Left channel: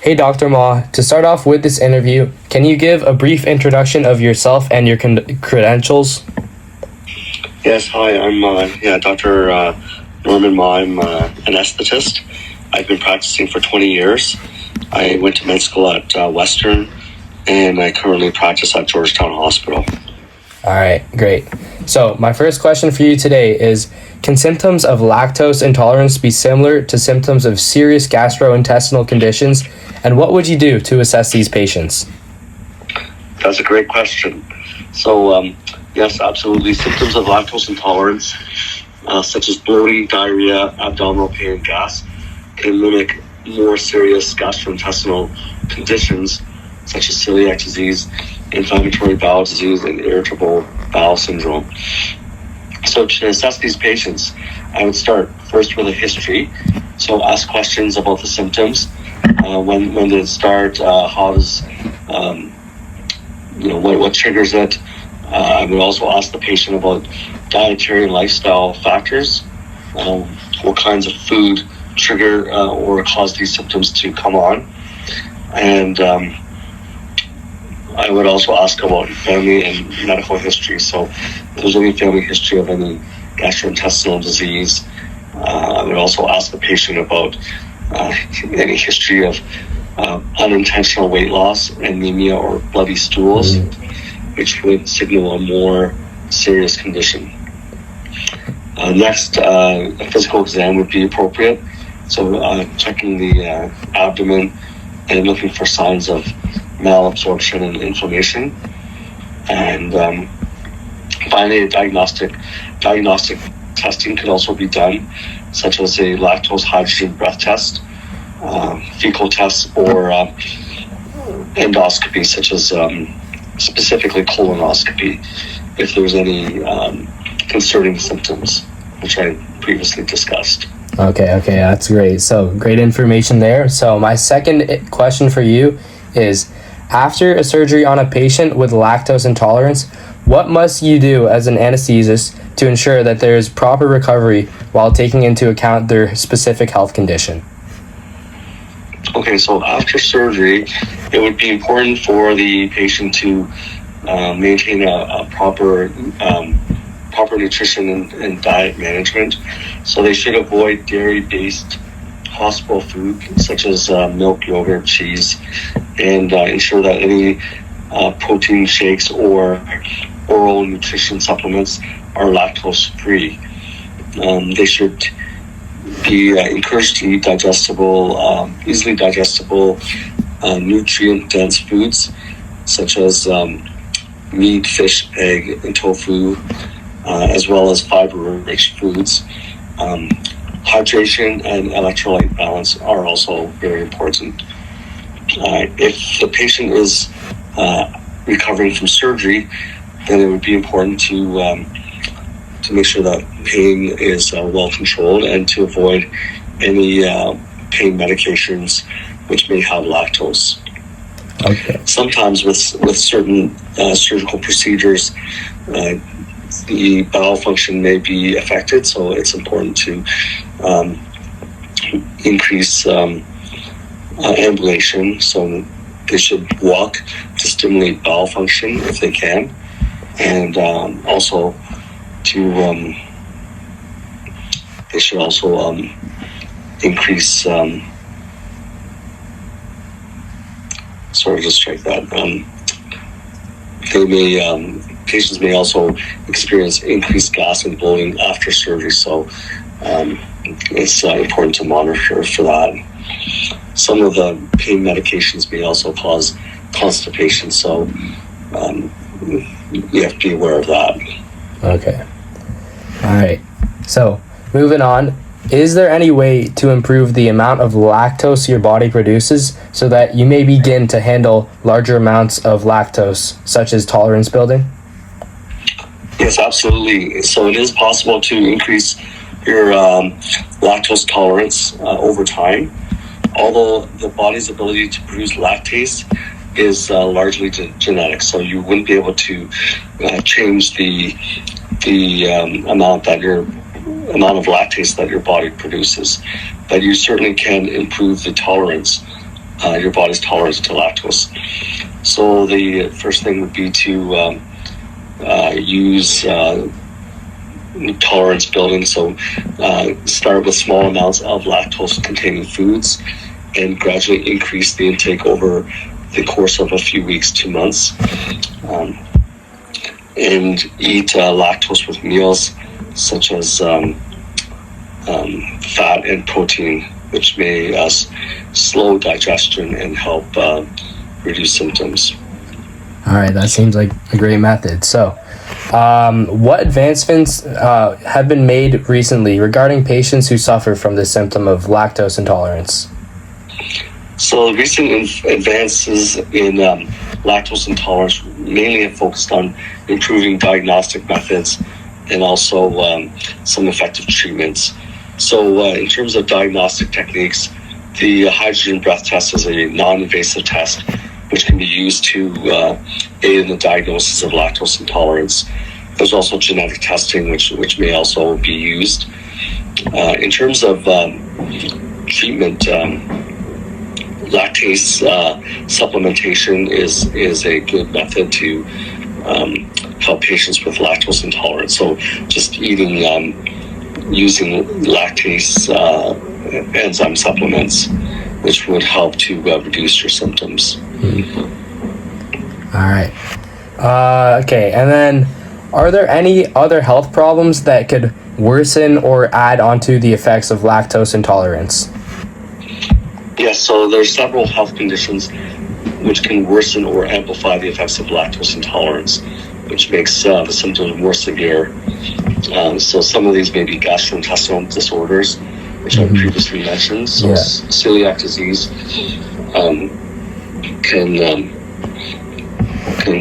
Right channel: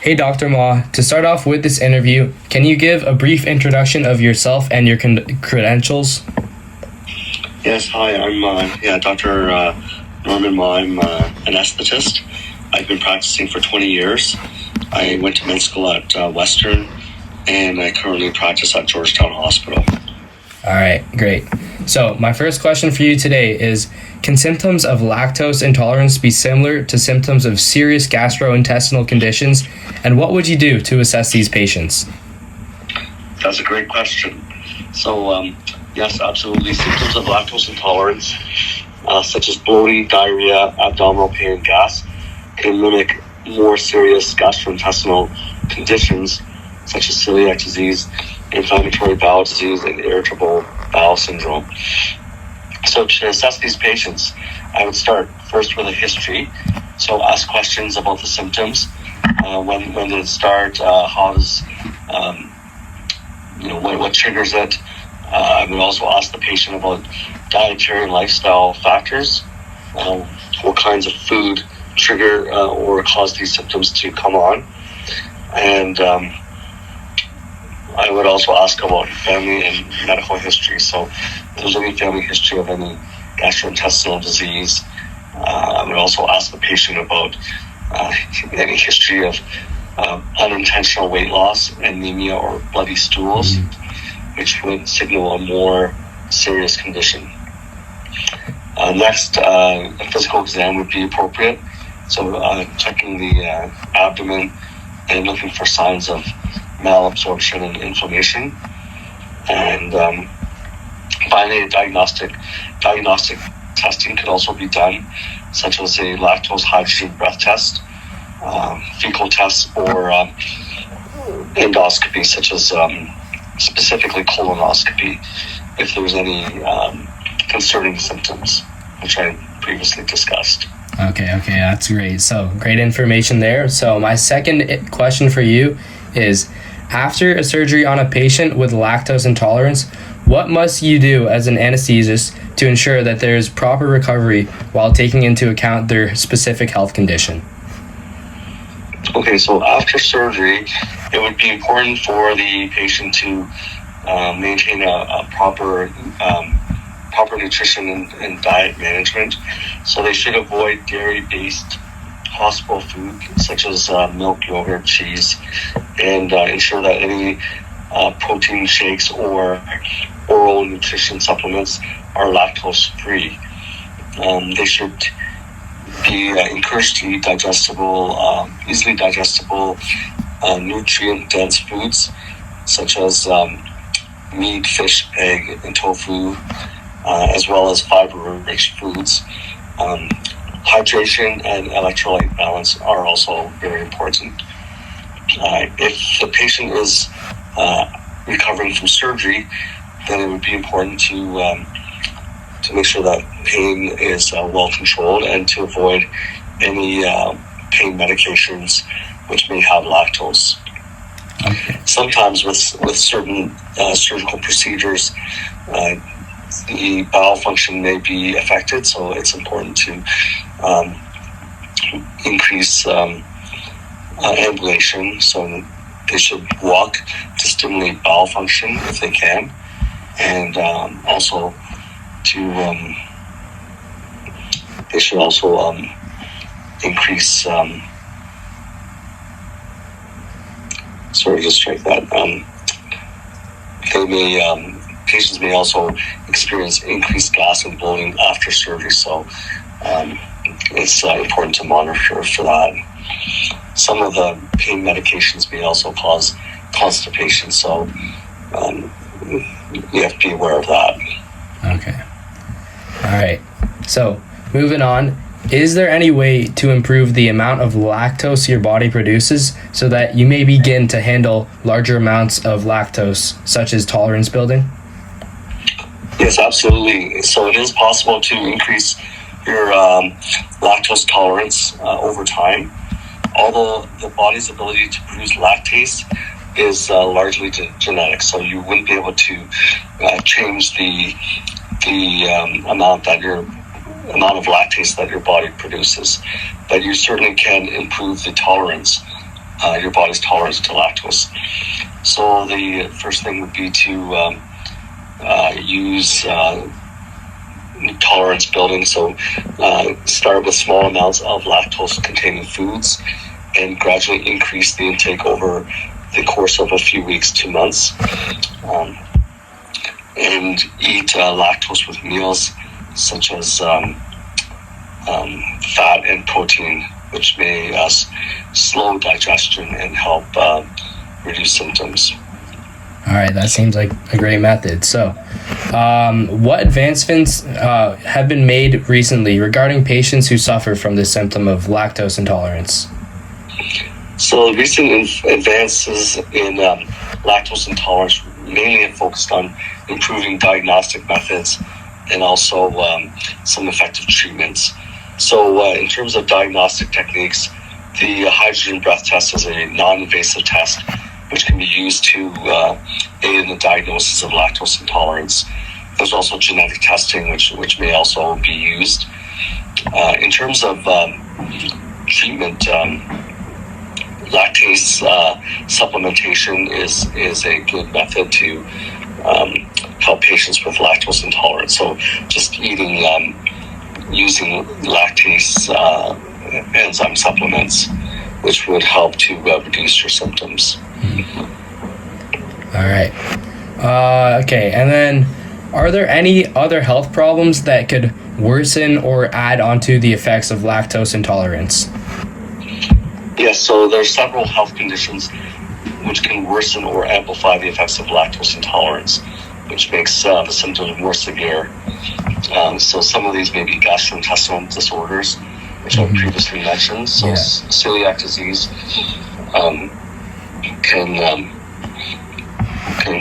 Hey, Dr. Mah, to start off with this interview, can you give a brief introduction of yourself and your credentials? Yes, hi, I'm Dr. Norman Mah. I'm an anesthetist. I've been practicing for 20 years. I went to med school at Western, and I currently practice at Georgetown Hospital. All right, great. So my first question for you today is, can symptoms of lactose intolerance be similar to symptoms of serious gastrointestinal conditions? And what would you do to assess these patients? That's a great question. So, yes, absolutely. Symptoms of lactose intolerance, such as bloating, diarrhea, abdominal pain, gas, can mimic more serious gastrointestinal conditions, such as celiac disease, inflammatory bowel disease, and irritable bowel syndrome. So to assess these patients, I would start first with a history. So ask questions about the symptoms. When did it start? How does, what triggers it? I would also ask the patient about dietary and lifestyle factors. What kinds of food trigger or cause these symptoms to come on? And I would also ask about family and medical history. So if there's any family history of any gastrointestinal disease, I would also ask the patient about any history of unintentional weight loss, anemia, or bloody stools, which would signal a more serious condition. Next, a physical exam would be appropriate. So checking the abdomen and looking for signs of malabsorption and inflammation. And finally, diagnostic testing could also be done, such as a lactose hydrogen breath test, fecal tests, or endoscopy, such as specifically colonoscopy, if there's any concerning symptoms, which I previously discussed. Okay, that's great. So great information there. So my second question for you is, after a surgery on a patient with lactose intolerance, what must you do as an anesthetist to ensure that there is proper recovery while taking into account their specific health condition? Okay, so after surgery, it would be important for the patient to maintain a proper nutrition and diet management. So they should avoid dairy-based hospital food, such as milk, yogurt, cheese, and ensure that any protein shakes or oral nutrition supplements are lactose-free. They should be encouraged to eat digestible, easily digestible, nutrient-dense foods, such as meat, fish, egg, and tofu, as well as fiber-rich foods. Hydration and electrolyte balance are also very important. If the patient is recovering from surgery, then it would be important to make sure that pain is well controlled and to avoid any pain medications which may have lactose. Okay. Sometimes with certain surgical procedures, the bowel function may be affected, so it's important to increase ambulation. So they should walk to stimulate bowel function if they can, and also they should also increase. Just check that. Patients may also experience increased gas and bloating after surgery, so it's important to monitor for that. Some of the pain medications may also cause constipation, so you have to be aware of that. Okay. All right. So moving on, is there any way to improve the amount of lactose your body produces so that you may begin to handle larger amounts of lactose, such as tolerance building? Yes, absolutely. So it is possible to increase your lactose tolerance over time, although the body's ability to produce lactase is largely genetic. So you wouldn't be able to change the amount of lactase that your body produces, but you certainly can improve the tolerance your body's tolerance to lactose. So the first thing would be to use tolerance building. So start with small amounts of lactose-containing foods and gradually increase the intake over the course of a few weeks to months. And eat lactose with meals such as fat and protein, which may slow digestion and help reduce symptoms. All right, that seems like a great method. So, what advancements have been made recently regarding patients who suffer from the symptom of lactose intolerance? So, recent advances in lactose intolerance mainly have focused on improving diagnostic methods and also some effective treatments. So, in terms of diagnostic techniques, the hydrogen breath test is a non-invasive test which can be used to aid in the diagnosis of lactose intolerance. There's also genetic testing, which may also be used. In terms of treatment, lactase supplementation is a good method to help patients with lactose intolerance. So just eating, using lactase enzyme supplements, which would help to reduce your symptoms. All right. Okay, and then are there any other health problems that could worsen or add onto the effects of lactose intolerance? Yes, so there's several health conditions which can worsen or amplify the effects of lactose intolerance, which makes the symptoms more severe. So some of these may be gastrointestinal disorders, which I previously mentioned. So celiac disease can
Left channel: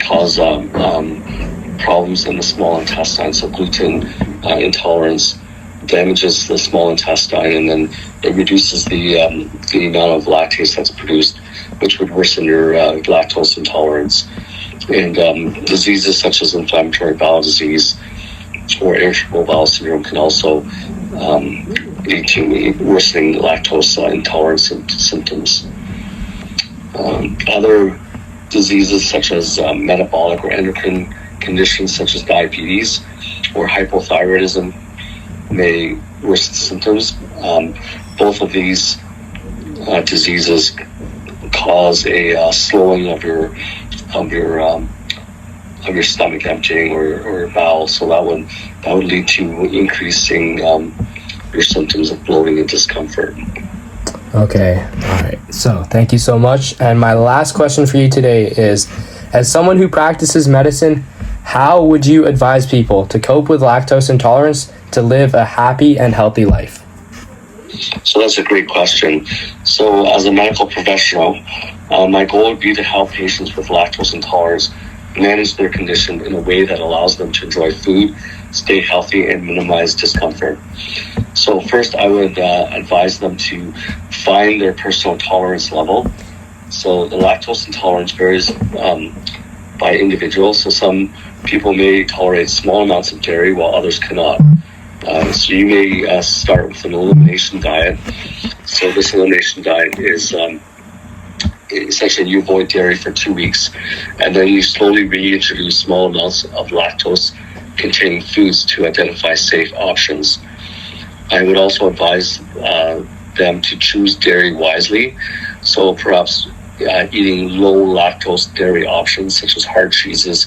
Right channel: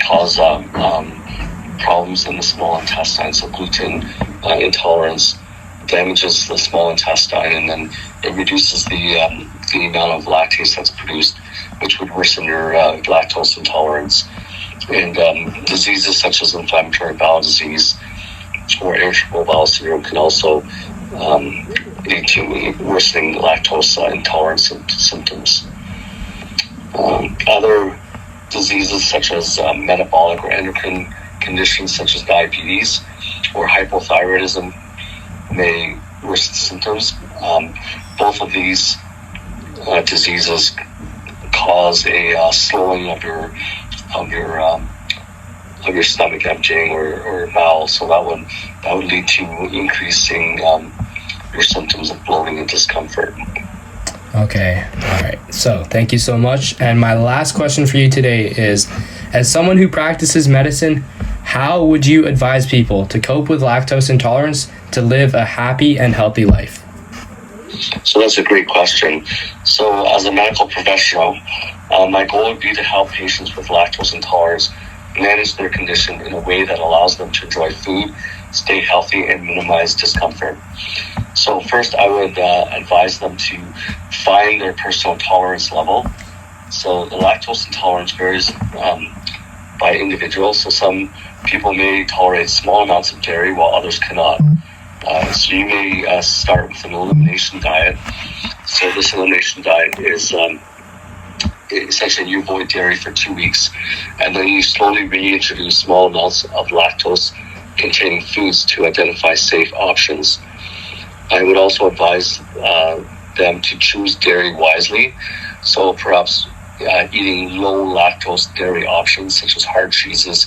cause problems in the small intestine. So gluten intolerance damages the small intestine, and then it reduces the amount of lactase that's produced, which would worsen your lactose intolerance. And diseases such as inflammatory bowel disease or irritable bowel syndrome can also lead to worsening lactose intolerance symptoms. Other diseases such as metabolic or endocrine conditions such as diabetes or hypothyroidism may worsen symptoms. Both of these diseases cause a slowing of your stomach emptying or bowel, so that would lead to increasing your symptoms of bloating and discomfort. Okay, all right. So thank you so much. And my last question for you today is, as someone who practices medicine, how would you advise people to cope with lactose intolerance to live a happy and healthy life? So that's a great question. So as a medical professional, my goal would be to help patients with lactose intolerance manage their condition in a way that allows them to enjoy food, stay healthy, and minimize discomfort. So first, I would advise them to find their personal tolerance level. So the lactose intolerance varies by individual. So some people may tolerate small amounts of dairy while others cannot. So you may start with an elimination diet. So this elimination diet is essentially you avoid dairy for 2 weeks, and then you slowly reintroduce small amounts of lactose-containing foods to identify safe options. I would also advise them to choose dairy wisely. So perhaps eating low lactose dairy options such as hard cheeses,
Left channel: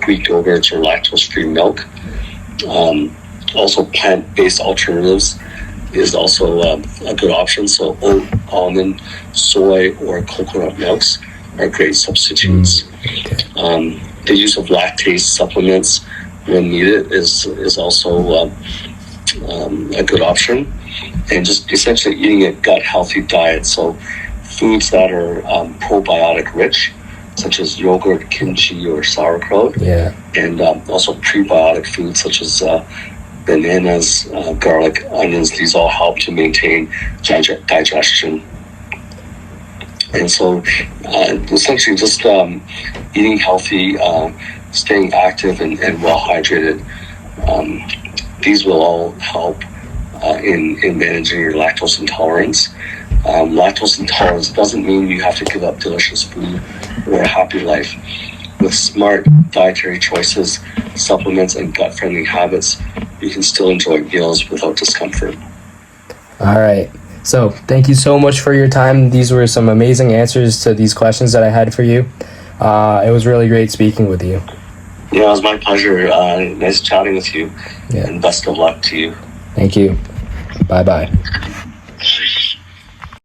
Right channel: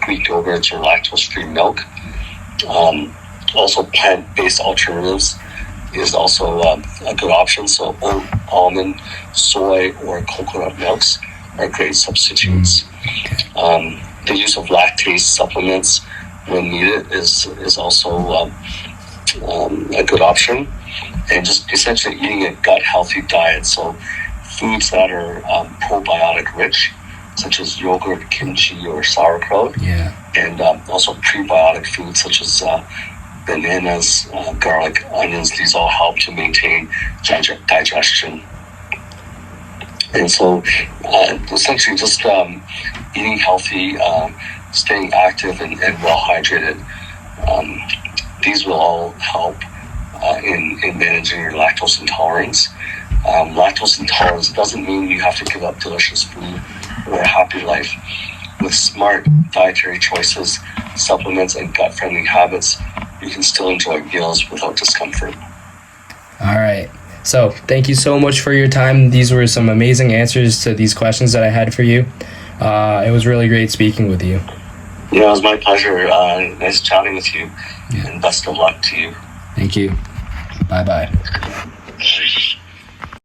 Greek yogurts, or lactose-free milk. Also plant-based alternatives is also a good option. So oat, almond, soy, or coconut milks are great substitutes. The use of lactase supplements when needed is also a good option. And just essentially eating a gut healthy diet. So foods that are probiotic rich, such as yogurt, kimchi, or sauerkraut. And also prebiotic foods such as bananas, garlic, onions. These all help to maintain digestion. And so essentially just eating healthy, staying active and well hydrated. These will all help in managing your lactose intolerance. Lactose intolerance doesn't mean you have to give up delicious food or a happy life. With smart dietary choices, supplements, and gut-friendly habits, you can still enjoy meals without discomfort. All right. So thank you so much for your time. These were some amazing answers to these questions that I had for you. It was really great speaking with you. Yeah, it was my pleasure. Nice chatting with you. Yeah. And best of luck to you. Thank you. Bye-bye.